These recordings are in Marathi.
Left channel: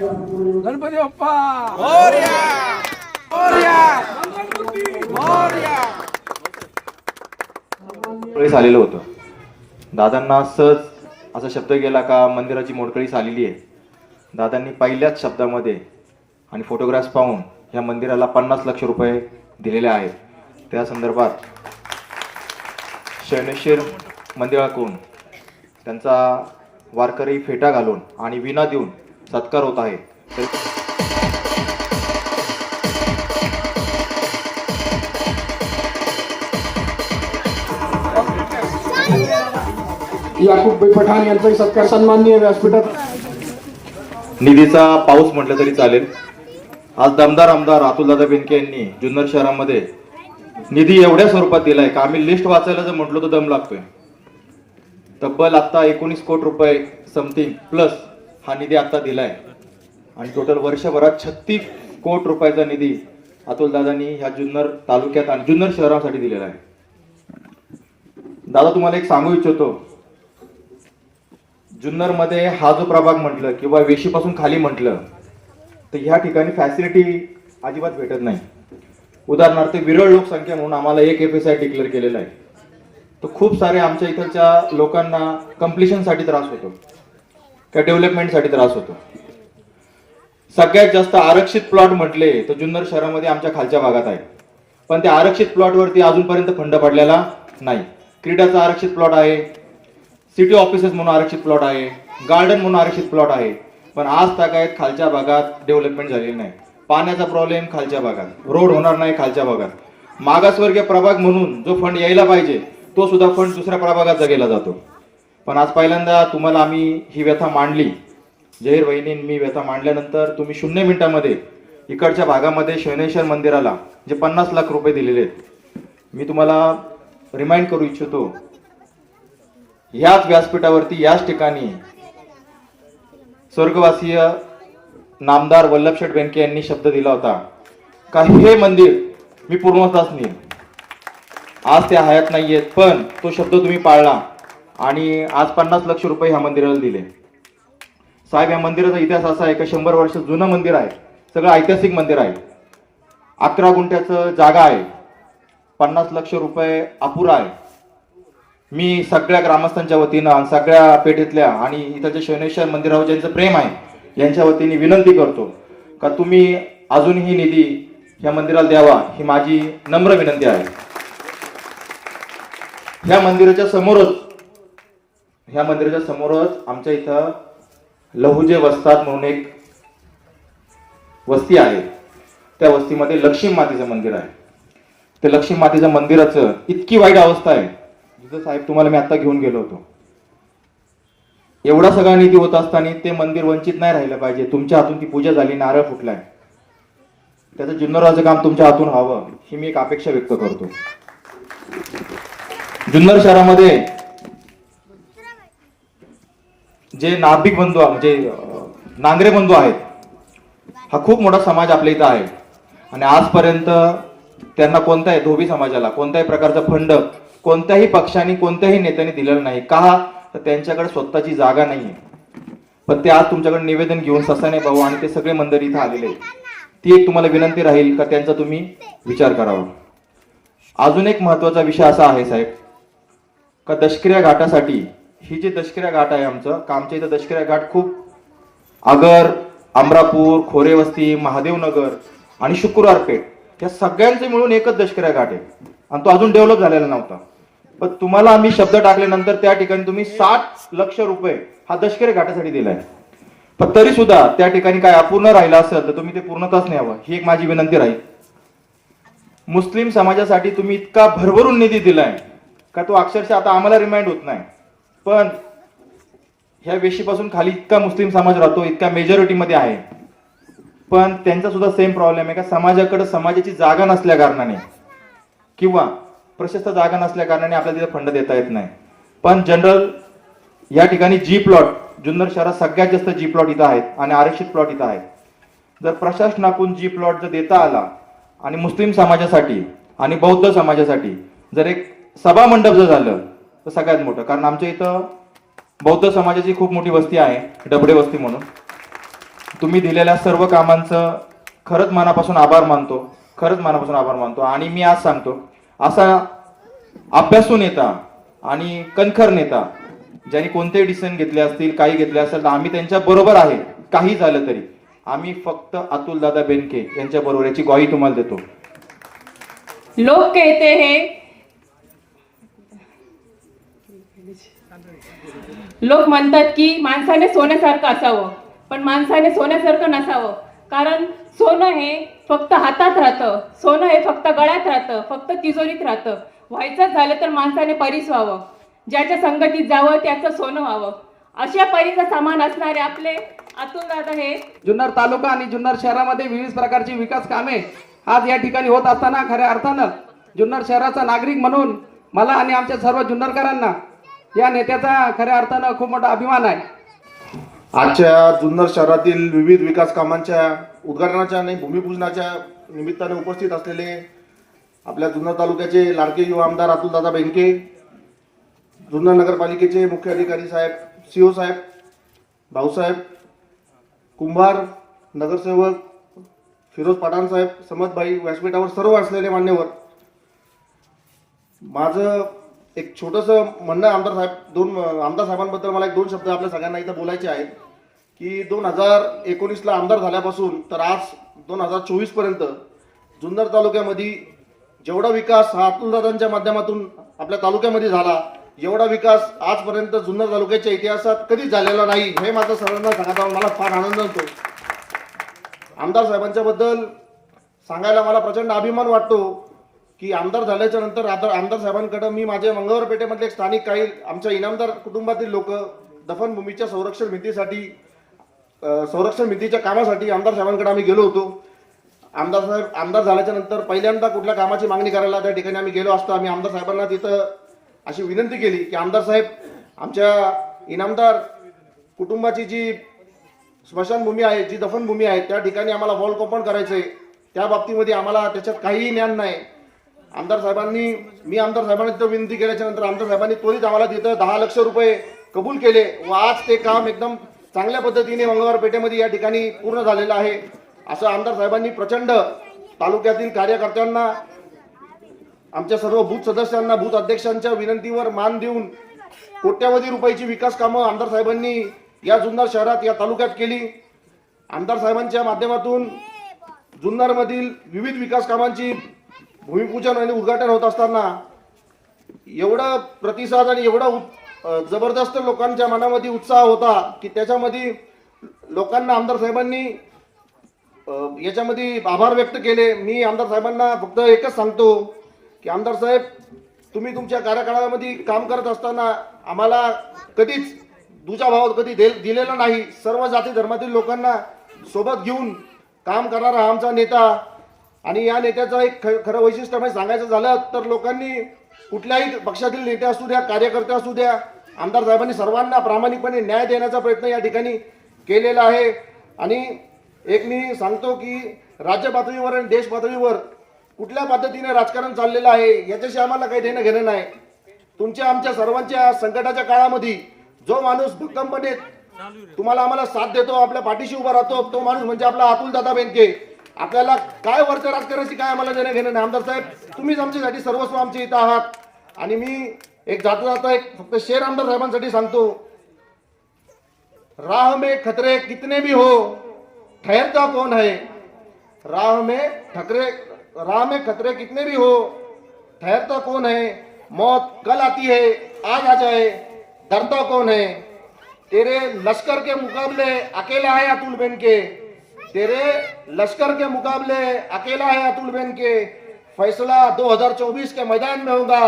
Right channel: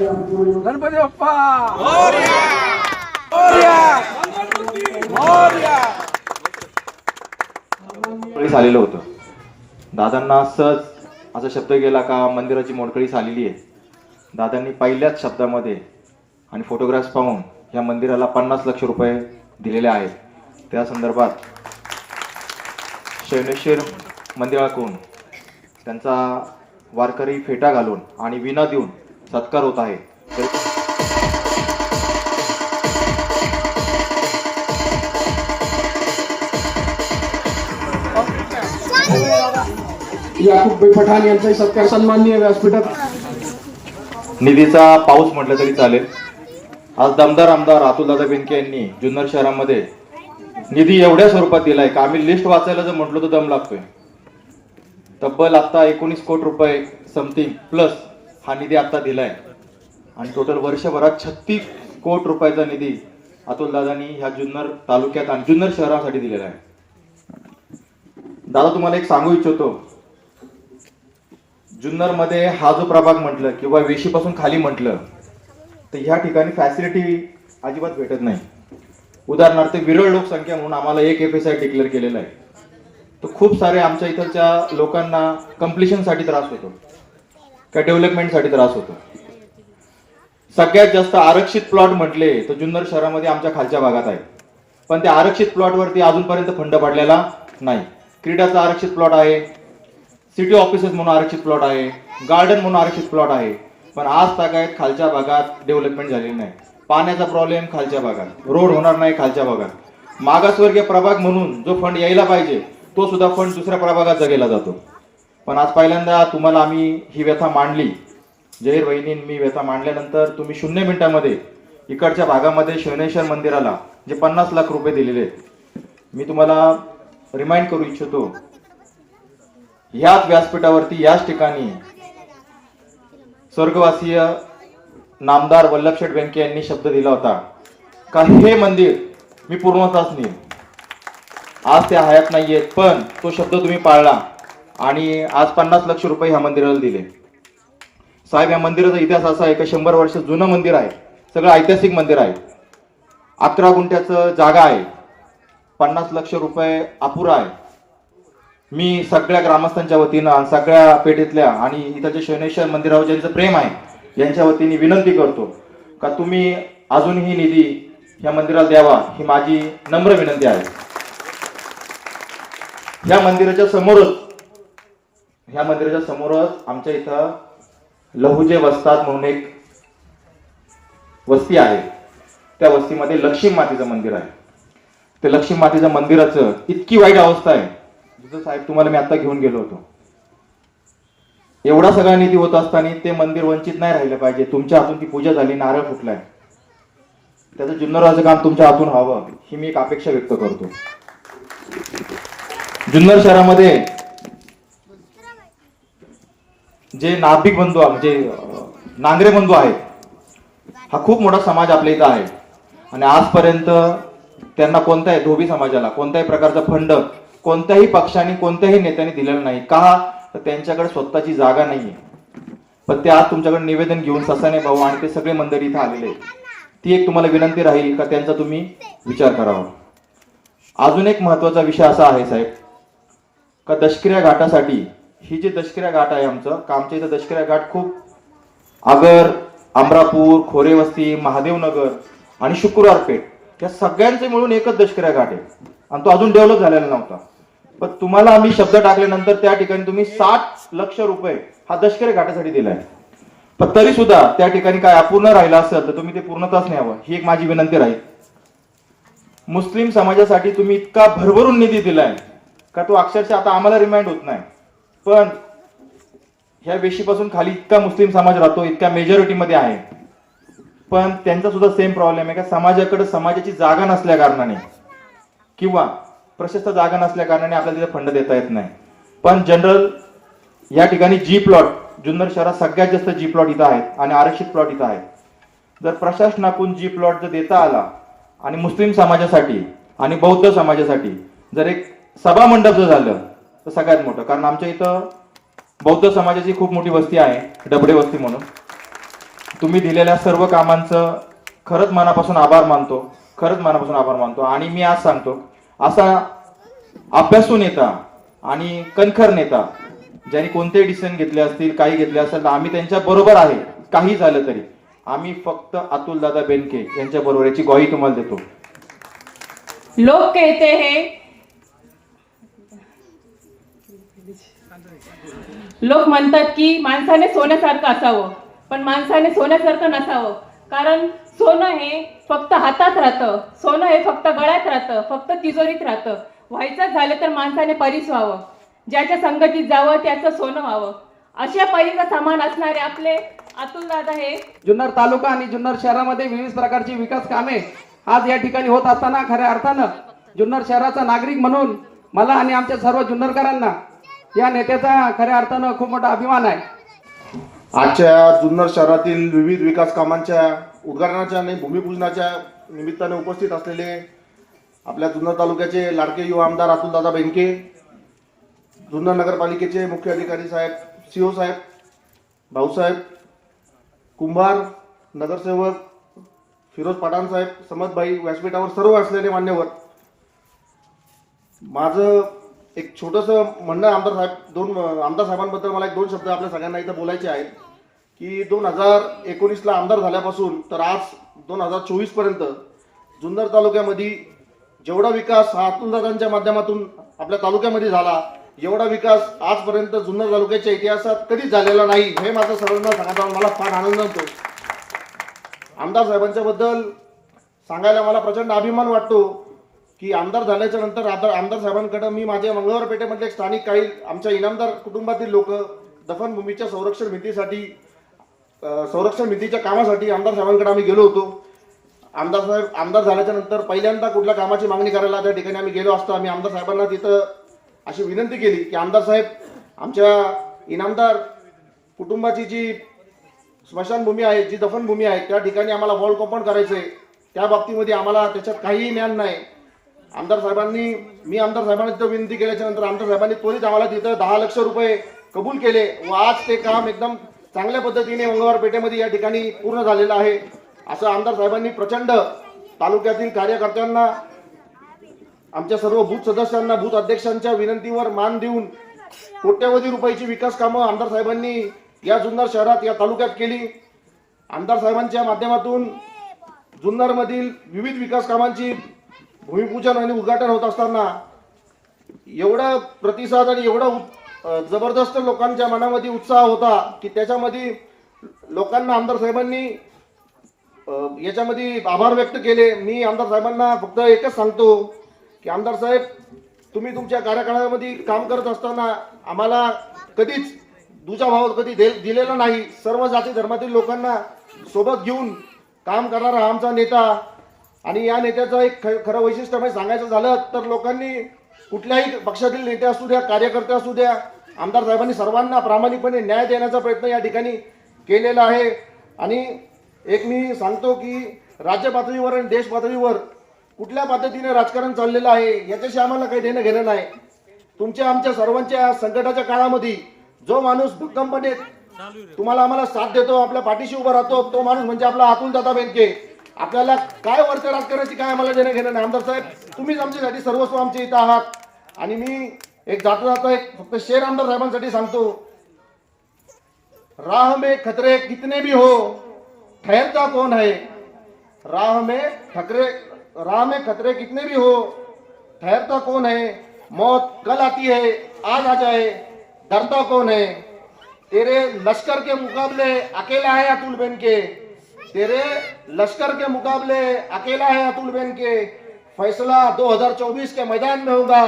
गणपती बाप्पा! मोडकळीस आलेलो होतो. दादांना सहज असा शब्द गेला का मंदिराची मोडकळीस आलेली आहे. दादांनी पहिल्याच शब्दामध्ये आणि फोटोग्राफ्स पाहून या मंदिराला पन्नास लक्ष रुपये दिलेले आहेत. त्या संदर्भात शरणेश्वर मंदिराकडून त्यांचा वारकरी फेटा घालून आणि विना देऊन सत्कार होत आहे. तर याकूब पठाण यांचा सत्कार सन्माननीय व्यासपीठात. निधीचा पाऊस म्हटलं तरी चालेल. आज दमदार आमदार अतुलदादा बेनके यांनी जुन्नर शहरामध्ये निधी एवढ्या स्वरूपात दिलाय का? आम्ही लिस्ट वाचायला जर म्हटलो तर दम लागतोय. तब्बल आता एकोणीस कोटी रुपये समथिंग प्लस हा निधी आता दिलाय. आणि टोटल वर्षभरात छत्तीस कोटी रुपयाचा निधी अतुलदादांनी ह्या जुन्नर तालुक्यात आणि जुन्नर शहरासाठी दिलेला आहे. दादा तुम्हाला एक सांगू इच्छितो. जुन्नरमध्ये हा जो प्रभाग म्हटलं किंवा वेशीपासून खाली म्हटलं तर ह्या ठिकाणी फॅसिलिटी अजिबात भेटत नाही. उदाहरणार्थ विरळ लोकसंख्या म्हणून आम्हाला एक एफ एस आय डिक्लेअर केलेला आहे. तर खूप सारे आमच्या इथलच्या लोकांना कम्प्लिशनसाठी त्रास होतो. का डेव्हलपमेंटसाठी त्रास होतो. सगळ्यात जास्त आरक्षित प्लॉट म्हटले तर जुन्नर शहरामध्ये आमच्या खालच्या भागात आहे. पण त्या आरक्षित प्लॉटवरती अजूनपर्यंत फंड पडलेला नाही. क्रीडाचा आरक्षित प्लॉट आहे. सिटी ऑफिसेस म्हणून आरक्षित प्लॉट आहे. गार्डन म्हणून आरक्षित प्लॉट आहे. पण आज तागायत खालच्या भागात डेव्हलपमेंट झालेली नाही. पाण्याचा प्रॉब्लेम खालच्या भागात. रोड होणार नाही खालच्या भागात. मागासवर्गीय प्रभाग म्हणून जो फंड यायला पाहिजे तो सुद्धा फंड दुसऱ्या प्रभागात गेला जातो. पण आज पहिल्यांदा तुम्हाला आम्ही ही व्यथा मांडली. जहीर वहिनी मी व्यथा मांडल्यानंतर तुम्ही शून्य मिनिटामध्ये इकडच्या भागामध्ये शैनेश्वर मंदिराला जे पन्नास लाख रुपये दिलेले आहेत मी तुम्हाला रिमाइंड करू इच्छितो याच व्यासपीठावरती याच ठिकाणी स्वर्गवासीय नामदार वल्लभशेठ बेनके यांनी शब्द दिला होता का हे मंदिर मी पूर्णताच नेईन. आज ते हयात नाहीयेत पण तो शब्द तुम्ही पाळला. आणि आज पन्नास लक्ष रुपये ह्या मंदिराला दिले. साहेब या मंदिराचा इतिहास असा आहे का शंभर वर्ष जुनं मंदिर आहे. सगळं ऐतिहासिक मंदिर आहे. अकरा गुंठ्याचं जागा आहे. पन्नास लक्ष रुपये अपुरा आहे. मी सगळ्या ग्रामस्थांच्या वतीनं सगळ्या पेठेतल्या आणि हिताच्या शनेश्वर मंदिरावर ज्यांचं प्रेम आहे यांच्या वतीने विनंती करतो का तुम्ही अजूनही निधी या मंदिराला द्यावा ही माझी नम्र विनंती आहे. या मंदिराच्या समोरच ह्या मंदिराच्या समोरच आमच्या इथं लहुजे वस्तात म्हणून एक वस्ती आहे. त्या वस्तीमध्ये लक्ष्मी मातेचं मंदिर आहे. त्या लक्ष्मी मातेच्या मंदिराचं इतकी वाईट अवस्था आहे. जिथं साहेब तुम्हाला मी आता घेऊन गेलो होतो. एवढा सगळा निधी होत असताना ते मंदिर वंचित नाही राहिलं पाहिजे. तुमच्या हातून ती पूजा झाली नारळ फुटलाय. त्याचं जुन्नराचं काम तुमच्या हातून व्हावं ही मी एक अपेक्षा व्यक्त करतो. जुन्नर शहरामध्ये जे नाभिक बंधू आहे, म्हणजे नांगरे बंधू आहेत हा खूप मोठा समाज आपल्या इथं आहे. आणि आजपर्यंत त्यांना कोणत्याही धोबी समाजाला कोणत्याही प्रकारचा फंड कोणत्याही पक्षाने कोणत्याही नेत्याने दिलेला नाही. का? तर त्यांच्याकडे स्वतःची जागा नाही पण ते आज तुमच्याकडे निवेदन घेऊन ससाने भाऊ आणि ते सगळे मंदिर इथं आलेले आहेत. ती एक तुम्हाला विनंती राहील का त्यांचा तुम्ही विचार करावा? अजून एक महत्त्वाचा विषय असा आहे साहेब का दष्क्रिया घाटासाठी ही जी दशकिऱ्या घाट आहे आमचं कामच्या इथं दशकिऱ्या घाट खूप आगर अमरापूर खोरेवस्ती महादेवनगर आणि शुक्रवारपेठ या सगळ्यांचे मिळून एकच दशकिऱ्या घाट आहे. आणि तो अजून डेव्हलप झालेला नव्हता. पण तुम्हाला आम्ही शब्द टाकल्यानंतर त्या ठिकाणी तुम्ही साठ लक्ष रुपये हा दशकिऱ्या घाटासाठी दिलाय. पण तरी सुद्धा त्या ठिकाणी काय अपूर्ण राहिलं असेल तर तुम्ही ते पूर्णताच न्यावं. ही एक माझी विनंती राहील. मुस्लिम समाजासाठी तुम्ही इतका भरभरून निधी दिलाय का तो अक्षरशः आता आम्हाला रिमाइंड होत नाही. पण ह्या वेशीपासून खाली इतका मुस्लिम समाज राहतो इतका मेजॉरिटीमध्ये आहे. पण त्यांचा सुद्धा सेम प्रॉब्लेम आहे का? समाजाकडे समाजाची जागा नसल्या कारणाने किंवा प्रशस्त जागा नसल्या कारणाने आपल्याला तिथे फंड देता येत नाही. पण जनरल या ठिकाणी जी प्लॉट जुन्नर शहरात सगळ्यात जास्त जी प्लॉट इथं आहेत आणि आरक्षित प्लॉट इथं आहेत. जर प्रशासनाकडून जी प्लॉट जर देता आला आणि मुस्लिम समाजासाठी आणि बौद्ध समाजासाठी जर एक सभा मंडप जर झालं तर सगळ्यात मोठं. कारण आमच्या इथं बौद्ध समाजाची खूप मोठी वस्ती आहे डबडे वस्ती म्हणून. तुम्ही दिलेल्या सर्व कामांचं खरंच मनापासून आभार मानतो खरंच मनापासून आभार मानतो. आणि मी आज सांगतो असा अभ्यासू नेता आणि कणखर नेता ज्यांनी कोणते डिसिजन घेतले असतील काही घेतले असेल तर आम्ही त्यांच्या बरोबर आहे. काही झालं तरी. आम्ही फक्त अतुल दादा बेनके यांच्या बरोबर याची ग्वाही तुम्हाला देतो. लोक कहते हैं लोक म्हणतात की माणसाने सोन्यासारखं असावं पण माणसाने सोन्यासारखं नसावं. कारण सोनं हे फक्त हातात राहतं सोनं हे फक्त गळ्यात राहतं फक्त तिजोरीत राहतं. व्हायचं झालं तर माणसाने परीस व्हावं ज्याच्या संगतीत जावं त्याचं सोनं व्हावं. अशा परीचं सामान असणारे आपले अतुल दादा हे जुन्नर तालुका आणि जुन्नर शहरामध्ये विविध प्रकारची विकास कामे आज या ठिकाणी होत असताना खऱ्या अर्थानं जुन्नर शहराचा नागरिक म्हणून मला आणि आमच्या सर्व जुन्नरकरांना या नेत्याचा खऱ्या अर्थानं खूप मोठा अभिमान आहे. आजच्या जुन्नर शहरातील विविध विकास कामांच्या उद्घाटनाच्या आणि भूमिपूजनाच्या निमित्ताने उपस्थित असलेले आपल्या जुन्नर तालुक्याचे लाडके युवा आमदार अतुलदादा बेंके जुन्नर नगरपालिकेचे मुख्य अधिकारी साहेब सीओ साहेब भाऊसाहेब कुंभार नगरसेवक फिरोज पठाण साहेब समतभाई व्यासपीठावर सर्व असलेले मान्यवर. माझं एक छोटंसं म्हणणं आहे आमदार साहेब दोन आमदार साहेबांबद्दल मला एक दोन शब्द आपल्या सगळ्यांना इथं बोलायचे आहेत की दोन हजार एकोणीसला आमदार झाल्यापासून तर आज दोन हजार चोवीसपर्यंत जुन्नर तालुक्यामध्ये जेवढा विकास हा अतुलदादांच्या माध्यमातून आपल्या तालुक्यामध्ये झाला एवढा विकास आजपर्यंत जुन्नर तालुक्याच्या इतिहासात कधीच झालेला नाही हे माझं सर्वांना सांगायला मला फार आनंद होतो. आमदार साहेबांच्या बद्दल सांगायला मला प्रचंड अभिमान वाटतो की आमदार झाल्याच्यानंतर आमदार आमदार साहेबांकडे मी माझ्या मंगळवार पेठेमधले एक स्थानिक काही आमच्या इनामदार कुटुंबातील लोक दफनभूमीच्या संरक्षण भिंतीसाठी संरक्षण भिंतीच्या कामासाठी आमदार साहेबांकडे आम्ही गेलो होतो. आमदार साहेब आमदार झाल्याच्यानंतर पहिल्यांदा कुठल्या कामाची मागणी करायला त्या ठिकाणी आम्ही गेलो असतो. आम्ही आमदार साहेबांना तिथं अशी विनंती केली की आमदार साहेब आमच्या इनामदार कुटुंबाची जी स्मशानभूमी आहे जी दफनभूमी आहे त्या ठिकाणी आम्हाला वॉल कंपाऊंड आहे त्या बाबतीमध्ये आम्हाला त्याच्यात काहीही ज्ञान नाही. आमदार साहेबांनी मी आमदार साहेबांना तिथं विनंती केल्याच्यानंतर आमदार साहेबांनी त्वरित आम्हाला तिथं दहा लक्ष रुपये कबूल केले व आज ते काम एकदम चांगल्या पद्धतीने मंगळवार पेठेमध्ये या ठिकाणी पूर्ण झालेलं आहे. असं आमदार साहेबांनी प्रचंड तालुक्यातील कार्यकर्त्यांना आमच्या सर्व बूथ सदस्यांना बूथ अध्यक्षांच्या विनंतीवर मान देऊन कोट्यावधी रुपयाची विकास कामं आमदार साहेबांनी या जुन्नर शहरात या तालुक्यात केली. आमदार साहेबांच्या माध्यमातून जुन्नरमधील विविध विकास कामांची भूमिपूजन आणि उद्घाटन होत असताना एवढा प्रतिसाद आणि एवढा उत- जबरदस्त लोकांच्या मनामध्ये उत्साह होता की त्याच्यामध्ये लोकांना आमदार साहेबांनी याच्यामध्ये आभार व्यक्त केले. मी आमदार साहेबांना फक्त एकच सांगतो की आमदार साहेब तुम्ही तुमच्या कार्यकाळामध्ये काम करत असताना आम्हाला कधीच दुजा भाव कधी दे- दिलेला नाही. सर्व जाती धर्मातील लोकांना सोबत घेऊन काम करणारा आमचा नेता आणि या नेत्याचं एक ख- खरं वैशिष्ट्य म्हणजे सांगायचं झालं तर लोकांनी कुठल्याही पक्षातील नेते असू द्या कार्यकर्ते असू द्या आमदार साहेबांनी सर्वांना प्रामाणिकपणे न्याय देण्याचा प्रयत्न या ठिकाणी केलेला आहे. आणि एक मी सांगतो की राज्य पातळीवर आणि देश पातळीवर कुठल्या पद्धतीने राजकारण चाललेलं आहे याच्याशी आम्हाला काही देणं घेणं नाही. तुमच्या आमच्या सर्वांच्या संकटाच्या काळामध्ये जो माणूस भक्कमपणे तुम्हाला आम्हाला साथ देतो आपल्या पाठीशी उभा राहतो तो माणूस म्हणजे आपला अतुल दादा बेनके. आपल्याला काय वरच्या राजकारणाची काय आम्हाला देणं घेणं नाही. आमदार साहेब तुम्हीच आमच्यासाठी सर्वस्व आमचे इथं आहात. आणि मी एक जातो जातो एक फक्त शेर आमदार साहेबांसाठी सांगतो. राह में खतरे कितने भी हो ठहरता कौन है? राह में खतरे राह में खतरे कितने भी हो ठहरता कौन है? मौत कल आती है आज आ जाए डरता कौन है? तेरे लश्कर के मुकाबले अकेला है अतुल बेन के। तेरे लश्कर के मुकाबले अकेला है अतुल बेन के। फैसला 2024 के मैदान में होगा।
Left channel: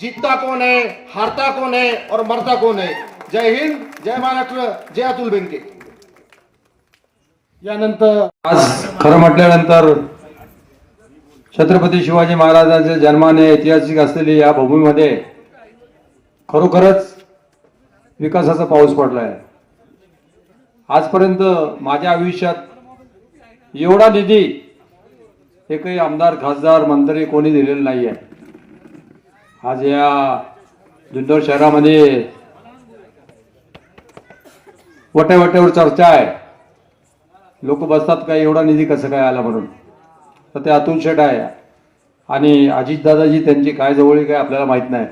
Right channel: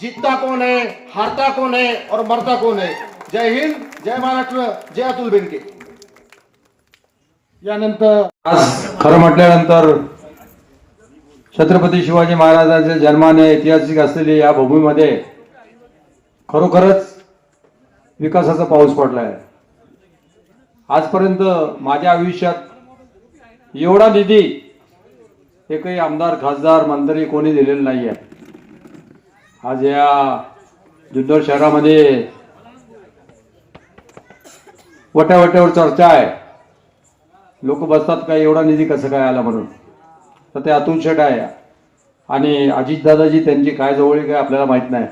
जीतता कौन है हारता कौन है और मरता कौन है? जय हिंद जय महाराष्ट्र जय अतुल बेनके यानंतर आज खरं म्हटल्यानंतर छत्रपती शिवाजी महाराजांच्या जन्माने ऐतिहासिक असलेली या भूमीमध्ये खरोखरच विकासाचा पाऊस पडला आहे आजपर्यंत माझ्या आयुष्यात एवढा निधी एकही आमदार खासदार मंत्री कोणी दिलेला नाही आहे आज या जुन्नर शहरामध्ये वट्यावट्यावर चर्चा आहे. लोक बसतात काय एवढा निधी कसं काय आला म्हणून? तर ते अतुल शेठ आहे. आणि अजितदादाजी त्यांची काय जवळ काय आपल्याला माहीत नाही.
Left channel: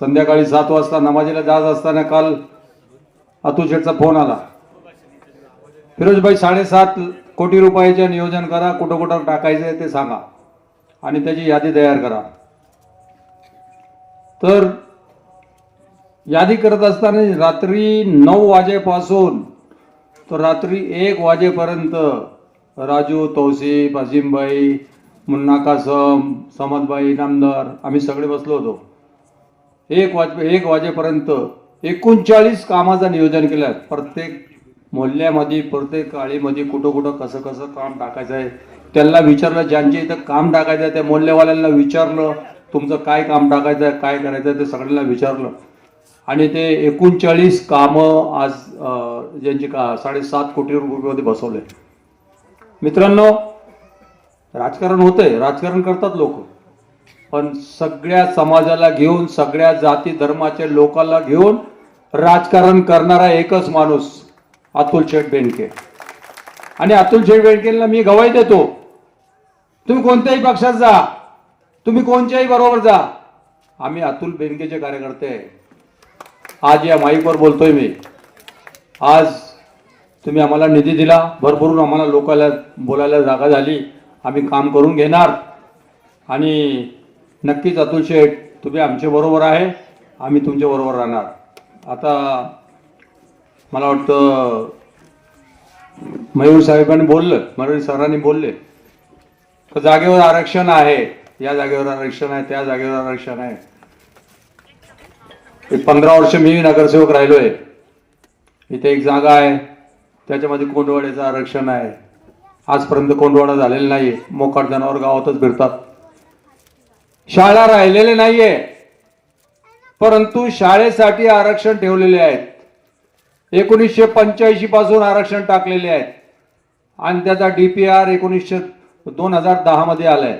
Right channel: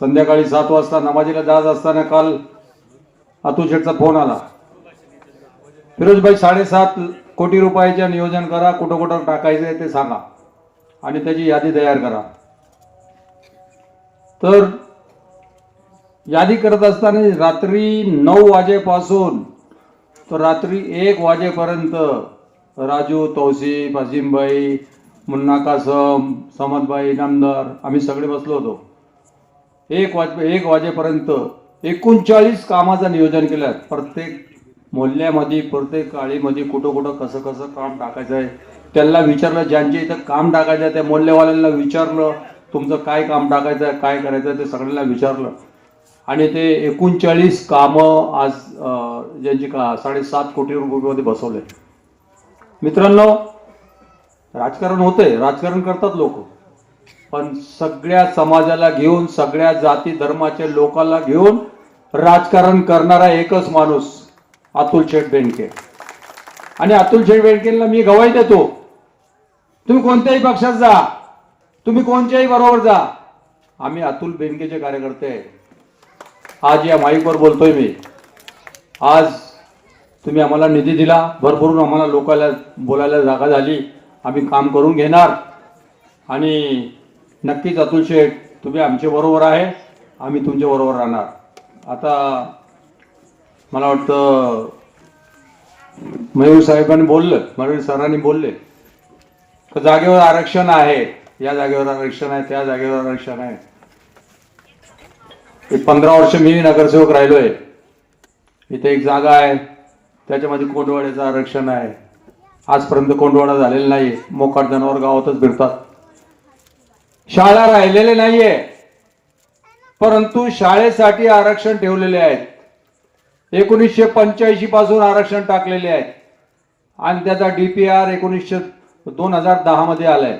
संध्याकाळी सात वाजता नमाजीला जात असताना काल अतुल शेठचा फोन आला. फिरोजभाई साडेसात कोटी रुपयाचे नियोजन करा कुठं कुठं टाकायचं आहे ते सांगा. आणि त्याची यादी तयार करा. तर यादी करत असताना रात्री नऊ वाजेपासून तर रात्री एक वाजेपर्यंत राजू तौसिफ अजिमबाई मुन्ना कासम समदबाई नामदार आम्ही सगळे बसलो होतो. एक वाज एक वाजेपर्यंत एकोणचाळीस कामाचं नियोजन केलं प्रत्येक मोहल्ल्यामध्ये प्रत्येक काळीमध्ये कुठं कुठं कसं कसं काम टाकायचं आहे. त्यांना विचारलं ज्यांच्या इथं काम टाकायचं आहे त्या मोहल्लेवाल्यांना विचारलं तुमचं काय काम टाकायचं आहे काय करायचं आहे ते सगळ्यांना विचारलं. आणि ते एकोणचाळीस कामं आज ज्यांची का साडेसात कोटी रुपयामध्ये बसवले. मित्रांनो राजकारण होतंय राजकारण करतात लोक. पण सगळ्या समाजाला घेऊन सगळ्या जाती धर्माच्या लोकांना घेऊन राजकारण करणारा एकच माणूस अतुल शेठ बेंडके आणि अतुल शेठ बेंडकेला मी गवाही देतो तुम्ही कोणत्याही पक्षात जा तुम्ही कोणत्याही बरोबर जा. आम्ही अतुल बेनकेचे कार्यकर्ते आहे. आज या माईकवर बोलतोय मी. आज तुम्ही आम्हाला निधी दिला भरभरून आम्हाला लोकांना बोलायला जागा झाली आम्ही काम करून घेणार. आणि नक्कीच अतुल शेठ तुम्ही आमच्या बरोबर आहे आम्ही तुमच्या बरोबर राहणार. आता मला वाटतं मयूर साहेबांनी बोललं मयूर सरांनी बोलले. तर जागेवर आरक्षण आहे या जागेवर आरक्षण आहे त्या जागेवर आरक्षण आहे. एक पंधरा वर्ष मी नगरसेवक राहिलोय. इथे एक जागा आहे त्याच्यामध्ये कोंडवाड्याचं आरक्षण आहे. आजपर्यंत कोंडवाडा झालेला नाही मोकाट जनावर गावातच फिरतात शाळा राहिलेले नाहीये परंतु शाळेसाठी आरक्षण ठेवलेले आहेत. एकोणीसशे पंच्याऐंशी पासून आरक्षण टाकलेले आहेत. आणि त्याचा डीपीआर एकोणीसशे दोन हजार दहा मध्ये आलाय.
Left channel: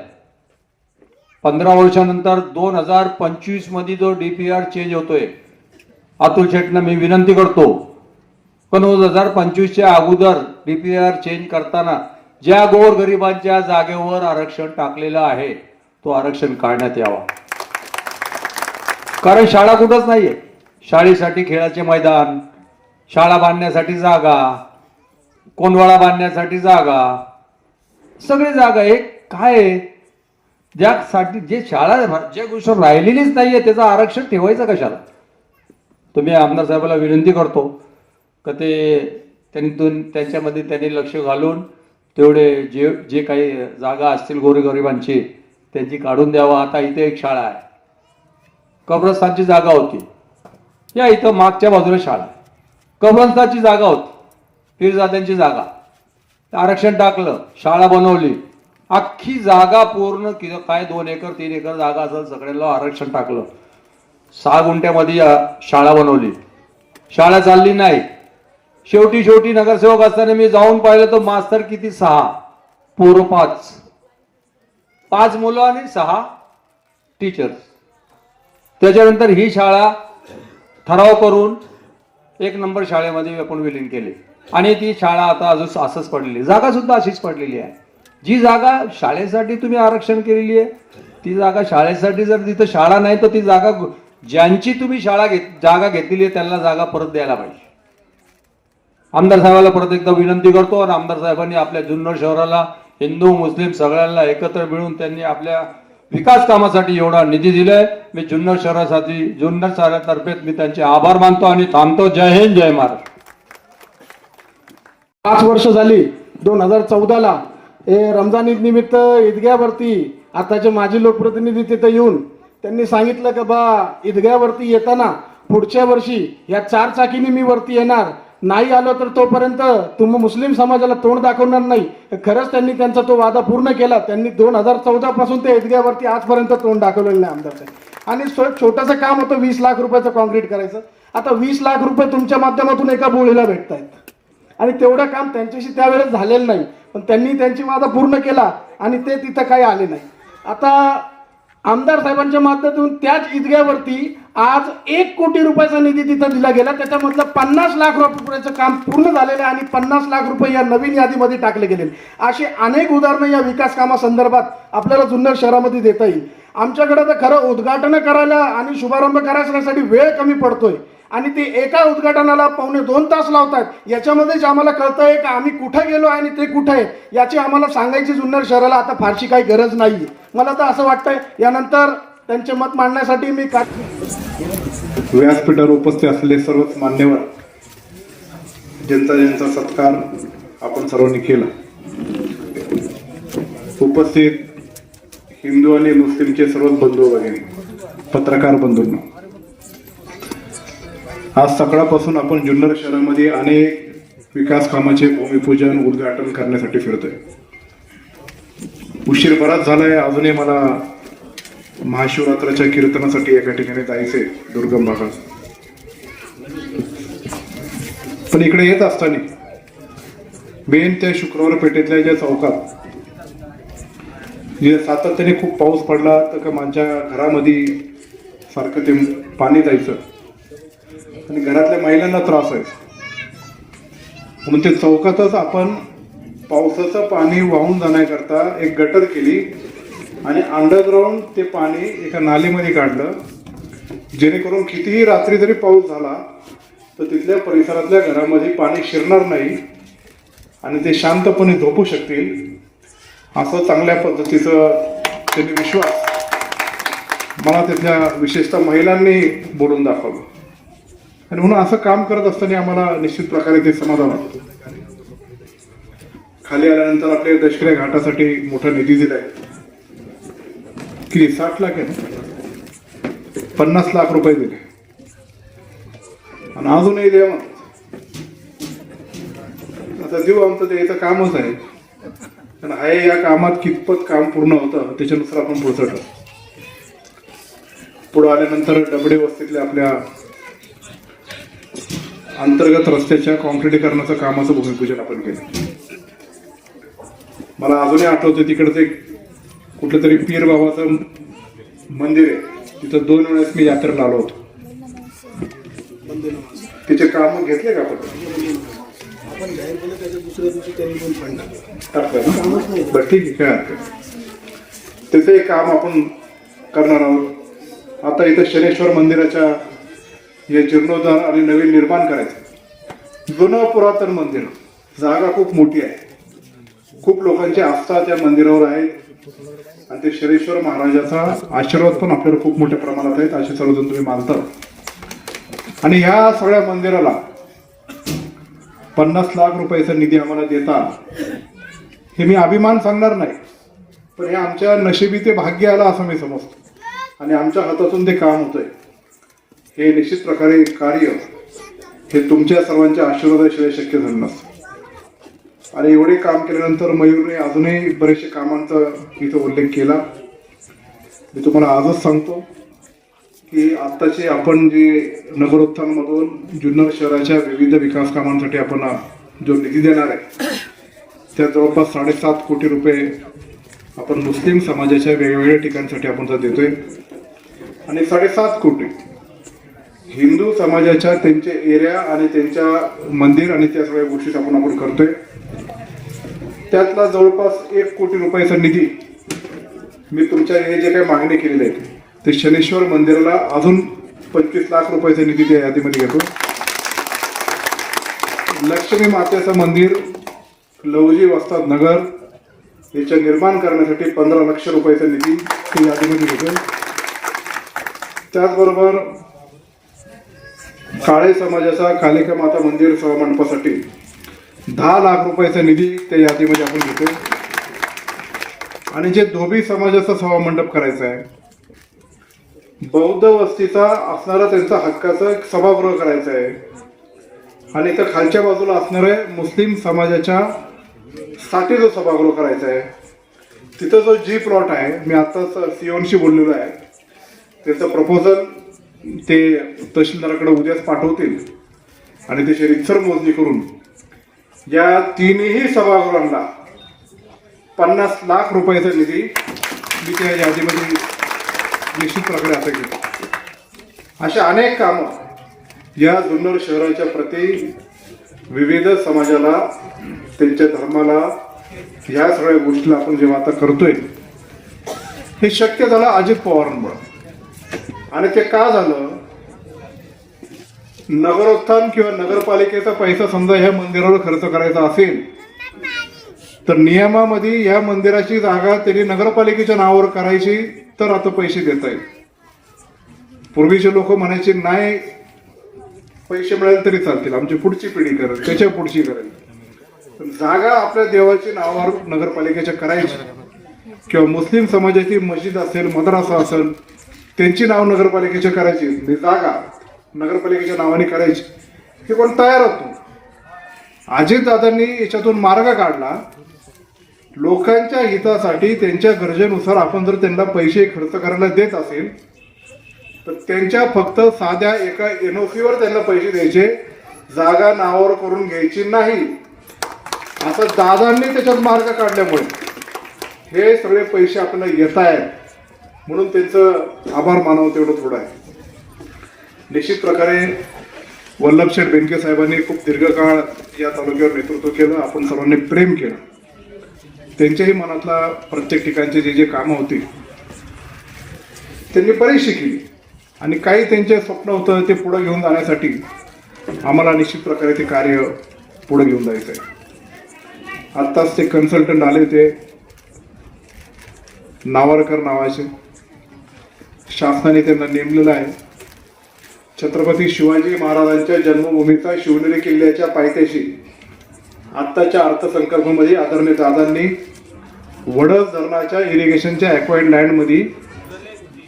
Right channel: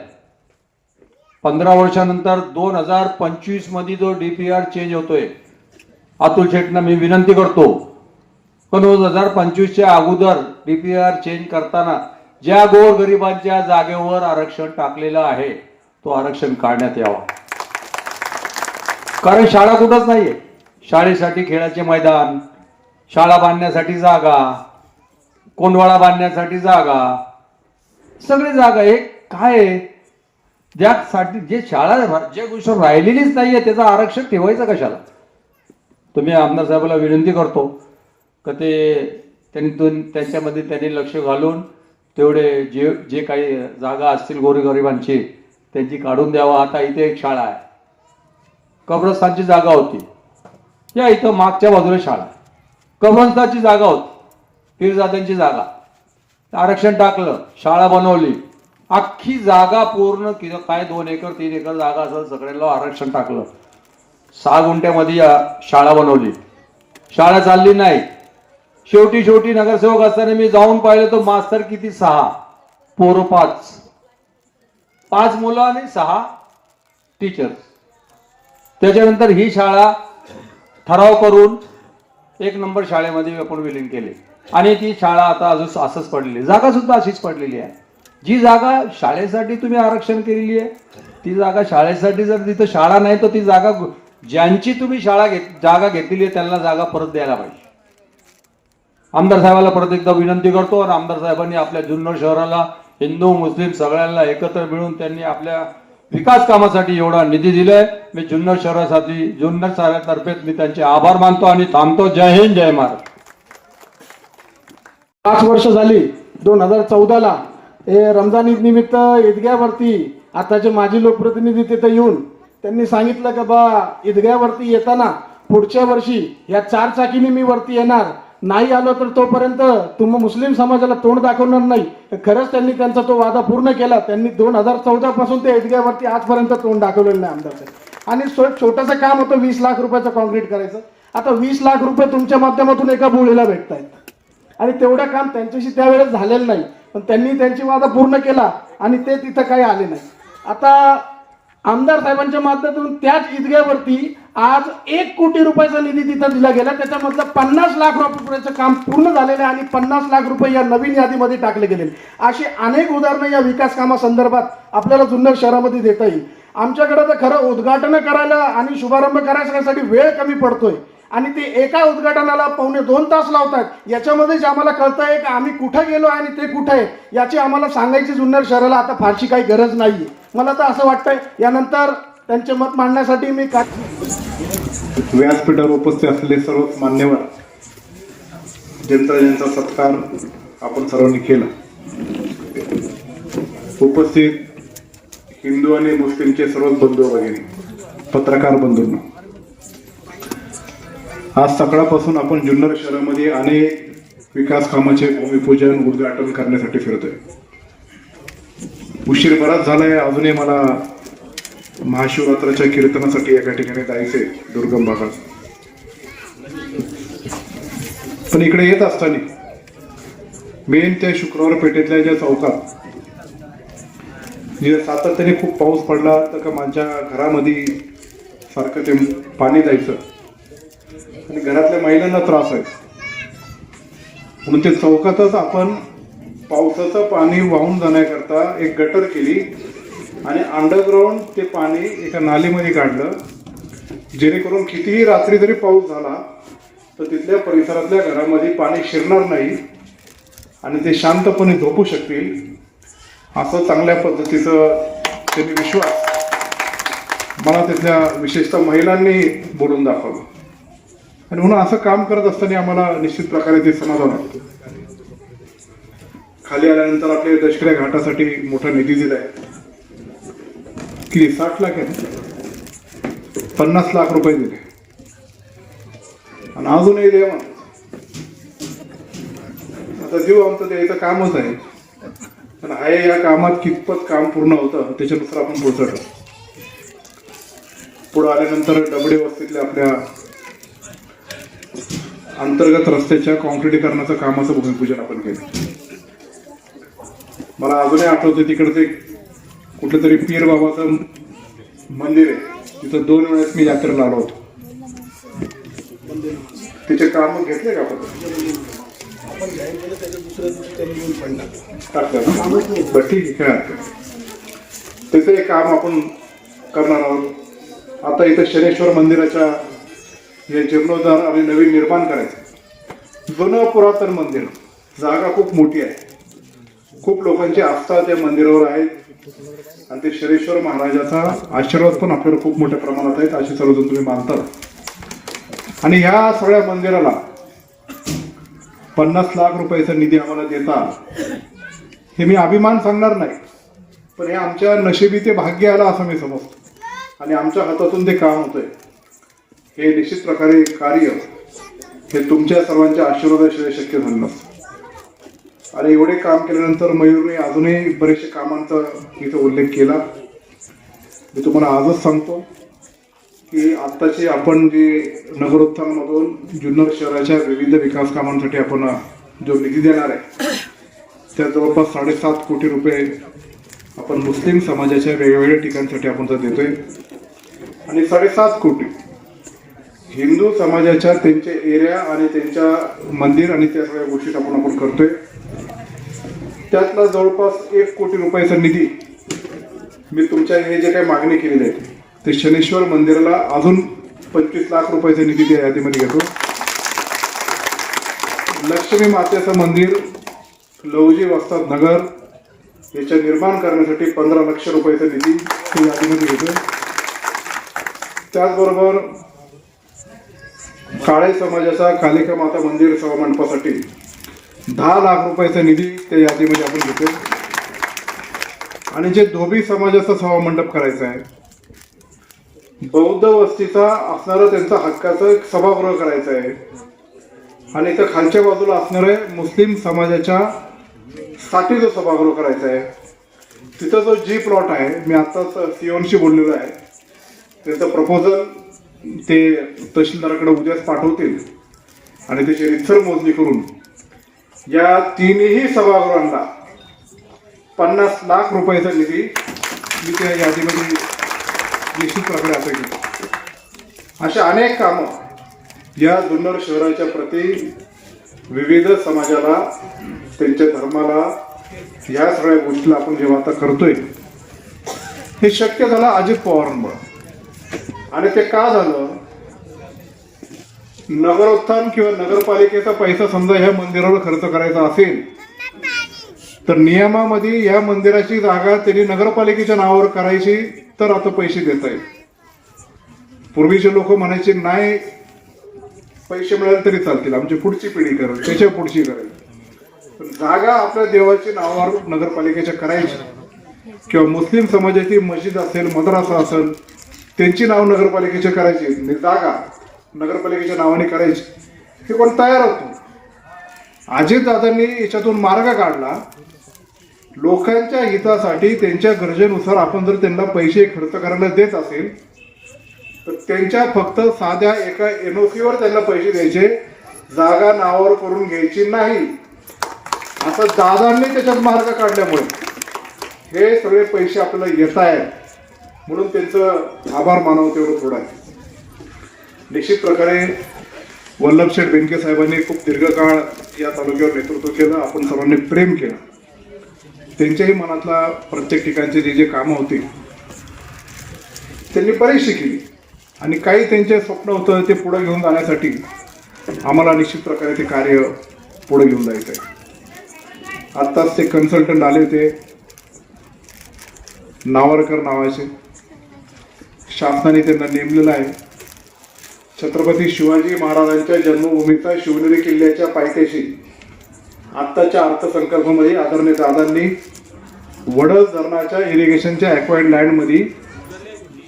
पंधरा वर्षानंतर दोन हजार पंचवीसमध्ये जो डीपीआर चेंज होतोय अतुल शेटना मी विनंती करतो. पण दोन हजार पंचवीसच्या अगोदर डीपीआर चेंज करताना ज्या गोरगरिबांच्या जागेवर आरक्षण टाकलेलं आहे तो आरक्षण काढण्यात यावा. कारण शाळा कुठंच नाहीये. शाळेसाठी खेळाचे मैदान शाळा बांधण्यासाठी जागा कोंडवाळा बांधण्यासाठी जागा सगळी जागा एक काय आहे? ज्यासाठी जे शाळा ज्या गोष्ट राहिलेलीच नाहीये त्याचं आरक्षण ठेवायचं कशाला? तुम्ही आमदार साहेबाला विनंती करतो का ते त्यांनी दोन त्यांच्यामध्ये त्यांनी लक्ष घालून तेवढे जे जे काही जागा असतील गोरगरिबांची त्यांची काढून द्यावं. आता इथे एक शाळा आहे. कब्रस्तानची जागा होती. या इथं मागच्या बाजूला शाळा कब्रस्तानची जागा होती. पीरजाद्यांची जागा. आरक्षण टाकलं शाळा बनवली. अख्खी जागा पूर्ण किंवा काय दोन एकर तीन एकर जागा असं सगळ्यांना आरक्षण टाकलं. सहा गुंठ्यामध्ये शाळा बनवली. शाळा चालली नाही. शेवटी शेवटी नगरसेवक असताना मी जाऊन पाहिलं तर मास्तर किती? सहा. पोर पाच. पाच मुलं आणि सहा टीचर्स त्याच्यानंतर ही शाळा ठराव करून एक नंबर शाळेमध्ये आपण विलीन केले. आणि ती शाळा आता अजून असंच पडलेली. जागा सुद्धा अशीच पडलेली आहे. जी जागा शाळेसाठी तुम्ही आरक्षण केलेली आहे ती जागा शाळेसाठी जर तिथं शाळा नाही तर ती जागा ज्यांची तुम्ही शाळा घेत जागा घेतलेली आहे त्यांना जागा परत द्यायला पाहिजे. आमदार साहेबाला परत एकदा विनंती करतो आणि आमदार साहेबांनी आपल्या जुन्नर शहराला हिंदू मुस्लिम सगळ्यांना एकत्र मिळून त्यांनी आपल्या विकास कामासाठी एवढा निधी दिलाय. मी जुन्नर शहरासाठी जुन्नर शहरातर्फे मी त्यांचे आभार मानतो आणि थांबतो. जय हिंद जय महाराज पाच वर्ष झाली दोन हजार चौदाला. हे रमजान ईद निमित्त ईदग्यावरती आताचे माजी लोकप्रतिनिधी तिथे येऊन त्यांनी सांगितलं का बा ईदग्यावरती येताना पुढच्या वर्षी या चार चाकीने मी वरती येणार. नाही आलो तर तोपर्यंत तुम्ही मुस्लिम समाजाला तोंड दाखवणार नाही. खरंच त्यांनी त्यांचा तो वादा पूर्ण केला. त्यांनी दोन हजार चौदा पासून ते ईदग्यावरती आजपर्यंत तोंड दाखवलेलं नाही आमदार साहेब आणि छोटंसं काम होतं वीस लाख रुपयाचं कॉन्क्रीट करायचं. आता वीस लाख रुपये तुमच्या माध्यमातून एका बोळीला भेटत आहेत आणि तेवढं काम त्यांच्याशी त्यावेळेस झालेलं नाही. पण त्यांनी त्यांची वादा पूर्ण केला आणि ते तिथं काही आले नाही. आता आमदार साहेबांच्या माध्यमातून त्याच ईदग्यावरती आज एक कोटी रुपयाचा निधी तिथं दिला गेला. त्याच्यामधलं पन्नास लाख रुपयाचं काम पूर्ण झालेलं आहे आणि पन्नास लाख रुपये या नवीन यादीमध्ये टाकले गेलेले अशी अनेक उदाहरणं या विकास कामासंदर्भात आपल्याला जुन्नर शहरामध्ये देता येईल. आमच्याकडे तर खरं उद्घाटन करायला आणि शुभारंभ करायसाठी वेळ कमी पडतोय. आणि ते एका उद्घाटनाला पावणे दोन तास लावतात. याच्यामध्येच आम्हाला कळतंय की आम्ही कुठं गेलो आणि ते कुठं आहे याची आम्हाला सांगायची जुन्नर शहराला आता फारशी काही गरज नाही मला तर असं वाटतंय यानंतर त्यांचे मत मांडण्यासाठी मी का व्यासपीठावर उपस्थित असलेले सर्वच मान्यवर ज्यांचा ज्यांचा सत्कार आपण सर्वांनी केला. उपस्थित हिंदू आणि मुस्लिमचे सर्व बंधू वगैरे पत्रकार बंधूंना आज सकाळपासून आपण जुन्नर शहरामध्ये अनेक विकास कामाचे भूमिपूजन उद्घाटन करण्यासाठी फिरतोय. उशीर बराच झालाय. अजूनही मला महाशिवरात्राच्या कीर्तनासाठी एका ठिकाणी जायचंय दुर्गम भागात. पण इकडे येत असताना मेन त्या शुक्रवार पेठेतल्या ज्या चौकात जे सातत्याने खूप पाऊस पडला तर का माझ्या घरामध्ये सारखं ते पाणी जायचं. आणि घरातल्या महिलांना त्रास आहे. म्हणून ते चौकातच आपण पावसाचं पाणी वाहून जाण्याकरता एक गटर केली आणि अंडरग्राऊंड ते पाणी एका नालीमध्ये काढलं. जेणेकरून कितीही रात्री जरी पाऊस झाला तर तिथल्या परिसरातल्या घरामध्ये पाणी शिरणार नाही आणि ते शांतपणे झोपू शकतील. असं चांगल्या पद्धतीचं त्यांनी विश्वास. मला तिथल्या विशेषतः महिलांनी बोलून दाखवलं. आणि म्हणून असं काम करत असताना आम्हाला निश्चित प्रकारे ते समाधान वाटतं खाली आल्यानंतर आपल्या दशकऱ्या घाटासाठी मोठा निधी दिलाय किती? साठ लाख आहे पन्नास लाख रुपये दिले. आणि अजूनही देवा. आता देऊ आमचं द्यायचं कामच आहे. पण आहे या कामात कितपत काम पूर्ण होतं त्याच्यानुसार आपण पोचत पुढं आल्यानंतर डबडे वस्तीतल्या आपल्या अंतर्गत रस्त्याच्या कॉन्क्रिटीकरणाचं कामाचं भूमिपूजन आपण केलं. मला अजूनही आठवतं तिकडचं एक कुठलं तरी पीर बाबाचं मंदिर आहे. तिथं दोन वेळेस मी यात्रेला आलो होतो. तिचे काम घेतले का आपण? ठीक आहे काय एक काम आपण करणार आहोत. आता इथं शनेश्वर मंदिराच्या हे जीर्णोद्धार आणि नवीन निर्माण करायचं. जुनं पुरातन मंदिर जागा खूप मोठी आहे. खूप लोकांची आस्था त्या मंदिरावर आहे. आणि ते शरेश्वर महाराजाचा आशीर्वाद पण आपल्याला खूप मोठ्या प्रमाणात आहेत असे सर्वजण तुम्ही मानता. आणि ह्या सगळ्या मंदिराला पन्नास लाख रुपयाचा निधी आम्हाला देता हे मी अभिमान सांगणार नाही. पण हे आमच्या नशिबी ते भाग्य आलं असं मी समजतो. आणि आमच्या हातातून ते काम होतंय. हे निश्चित प्रकारे कार्य हे तुमच्या सर्वांच्या आशीर्वादाशिवाय शक्य झालं नसतं. आणि एवढे काम केल्यानंतर मयूरने अजूनही बरेचसे कामांचा इथं उल्लेख केला. मी तुम्हाला आजच सांगतो की आत्ताचे आपण जे नगरोत्थानमधून जुन्नर शहराच्या विविध विकास कामांसाठी आपण जो निधी देणार आहे त्या जवळपास साडेसात कोटी रुपये आपण मुस्लिम समाजाच्या वेगवेगळ्या ठिकाणसाठी आपण तर देतोय. आणि साडेसात कोटी हिंदू समाजाच्या त्यांचे एरिया आणि त्यांच्या मंदिर आणि त्या सगळ्या गोष्टी आपण आपण करतोय. त्यातला जवळपास एक कोटी रुपयाचा निधी मी तुमच्या हे जे काही मागणी केलेली आहे ते शनेश्वर मंदिराला अजून पंचवीस लाख रुपयाचा निधी त्या यादीमध्ये घेतो. लक्ष्मी मातेचं मंदिर लवजी वस्ताद नगर याच्या निर्माण करण्यासाठी पंधरा लक्ष रुपयाचा निधी त्या यादीमध्ये घेतो त्याचबरोबर काळे समाजाचा कालिका माता मंदिर सभामंडपासाठी दहा लाख रुपयाचा निधी त्या यादीमध्ये आपण घेतो. आणि जे धोबी समाजाचा सभामंडप करायचा आहे बौद्ध वस्तीचा असणारा त्यांचा हक्काचा एक सभागृह करायचा आहे. आणि इथं खालच्या बाजूला असणारे मुस्लिम समाजाच्या साठी जो सभागृह करायचा आहे. तिथं जो जी प्लॉट आहे मी आत्ताच सीओनशी बोललेलो आहे. त्याचं प्रपोजल ते तहसीलदाराकडे उद्याच पाठवतील आणि त्याची रितसर मोजणी करून या तिन्ही सभागृहांना पन्नास लाख रुपयाचा निधी मी त्या यादीमध्ये निश्चित प्रकारे असं घेतो. अशा अनेक कामं या जुन्नर शहराच्या प्रती विविध समाजाला त्यांच्या धर्माला या सगळ्या गोष्टीला आपण जेव्हा आता करतोय हे शक्य झालं अजित पवारांमुळे. आणि ते का झालं? नगरोत्थान किंवा नगरपालिकेचा पैसा समजा ह्या मंदिरावर खर्च करायचा असेल तर नियमामध्ये या मंदिराची जागा त्यांनी नगरपालिकेच्या नावावर करायची तर आता पैसे देत आहेत. पूर्वीचे लोक म्हणायचे नाही पैसे मिळेल तरी चालतील आमची पुढची पिढी करेल त्याच्या पुढची करेल. जागा आपल्या देवाची नावावर नगरपालिकेच्या करायची. किंवा मुस्लिम समाजाची मस्जिद असेल मद्रासा असेल त्यांची नाव नगरपालिकेच्या करायची म्हणजे जागा नगरपालिकेच्या नावाने करायची. हे कोण तयार होतो? अजितदादांनी याच्यातून मार्ग काढला. लोकांच्या हितासाठी त्यांच्या गरजेनुसार आपण जर त्यांना पैसे खर्च करायला देत असेल तर त्यांच्या फक्त साध्या एका एनओसीवर त्यांना पैसे द्यायचे जागा नावावर करून घ्यायची नाही. आता दादांनी त्याच्यात मार्ग काढल्यामुळे हे सगळे पैसे आपल्याला येत आहेत म्हणून त्यांचं आभार मानावं तेवढं थोडं आहे. निश्चित प्रकारे वल्लभशेठ बेनके साहेबांनी खूप दीर्घकाळ या तालुक्यावर नेतृत्व केलं आपण सर्वांनी प्रेम केलं. त्यांच्याही मनातला प्रत्येक ठिकाणचे जे जे कामं होती त्यांनी बरीचशी केली. आणि काही त्यांचे स्वप्न होतं ते पुढे घेऊन जाण्यासाठी आम्हाला निश्चित प्रकारे ते कार्य पुढे घेऊन जायचं आहे आत्ताच ते कन्सल्टंट आले होते. नावारकर नावाचे. शासनाने त्यांना नेमलेलं आहे. छत्रपती शिवाजी महाराजांच्या जन्मभूमीचा शिवनेरी किल्ल्याच्या पायथ्याशी आत्ताच्या अर्थसंकल्पामध्ये आदरणीय दादांनी वडस धरणाच्या इरिगेशनच्या ॲक्वायर्ड लँडमध्ये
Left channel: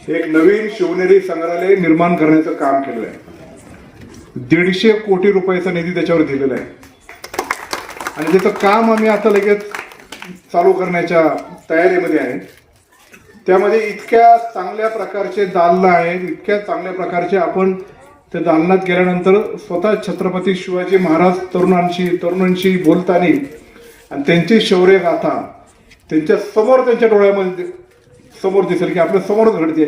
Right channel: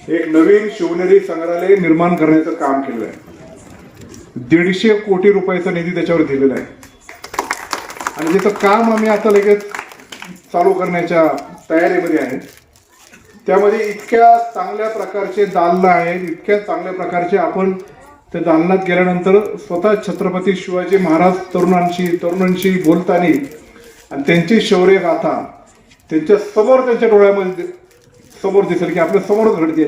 एक नवीन शिवनेरी संग्रहालय निर्माण करण्याचं काम केलं आहे. दीडशे कोटी रुपयाचा निधी त्याच्यावर दिलेला आहे. आणि त्याचं काम आम्ही आता लगेच चालू करण्याच्या तयारीमध्ये आहे. त्यामध्ये इतक्या चांगल्या प्रकारचे दालनं आहेत इतक्या चांगल्या प्रकारचे आपण त्या दालनात गेल्यानंतर स्वतः छत्रपती शिवाजी महाराज तरुणांशी तरुणांशी बोलताना आणि त्यांची शौर्य गाथा त्यांच्यासमोर त्यांच्या डोळ्यामध्ये समोर दिसेल की आपल्या समोरच घडते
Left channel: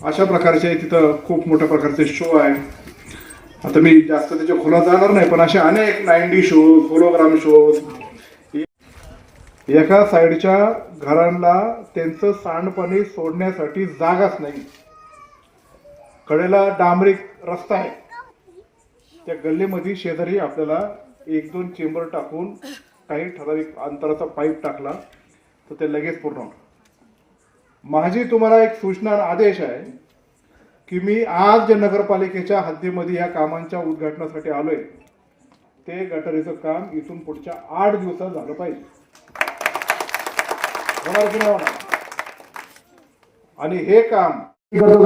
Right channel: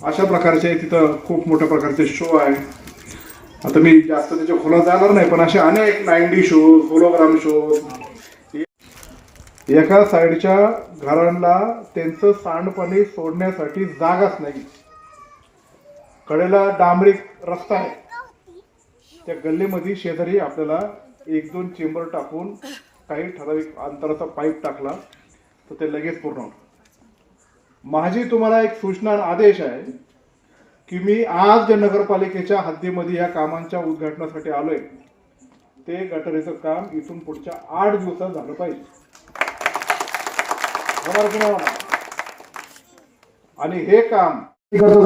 अशा प्रकारचे तिथं खूप मोठ्या प्रकारचे शो आहे आता मी जास्त त्याच्या खोला जाणार नाही पण असे अनेक नाईन्टी शो होलोग्राम शो एका साईडच्या घरांना त्यांचं सांडपाणी सोडण्यासाठी जागाच नाही. कडेला डांबरी रस्ता आहे. त्या गल्लीमध्ये शेजारी आपल्याला एक दोन चेंबर टाकून काही ठराविक अंतराचा पाईप टाकला तर ते लगेच पूर्ण होतं. माझी तुम्हाला एक सूचना आदेश आहे की मी आज जे नगरपालिकेच्या हद्दीमध्ये या कामांच्या उद्घाटनासाठी आलोय ते गटारीचं काम इथून पुढच्या आठ दिवसात झालं पाहिजे. आणि हे काम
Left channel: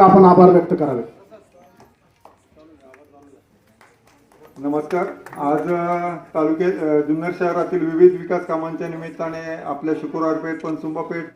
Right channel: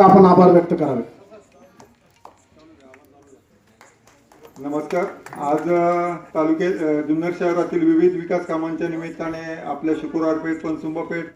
आपण आभार व्यक्त करावे. नमस्कार. आज तालुक्यात जुन्नर शहरातील विविध विकास कामांच्या निमित्ताने आपल्या शुक्रवार पेठ पनसुंबा पेठ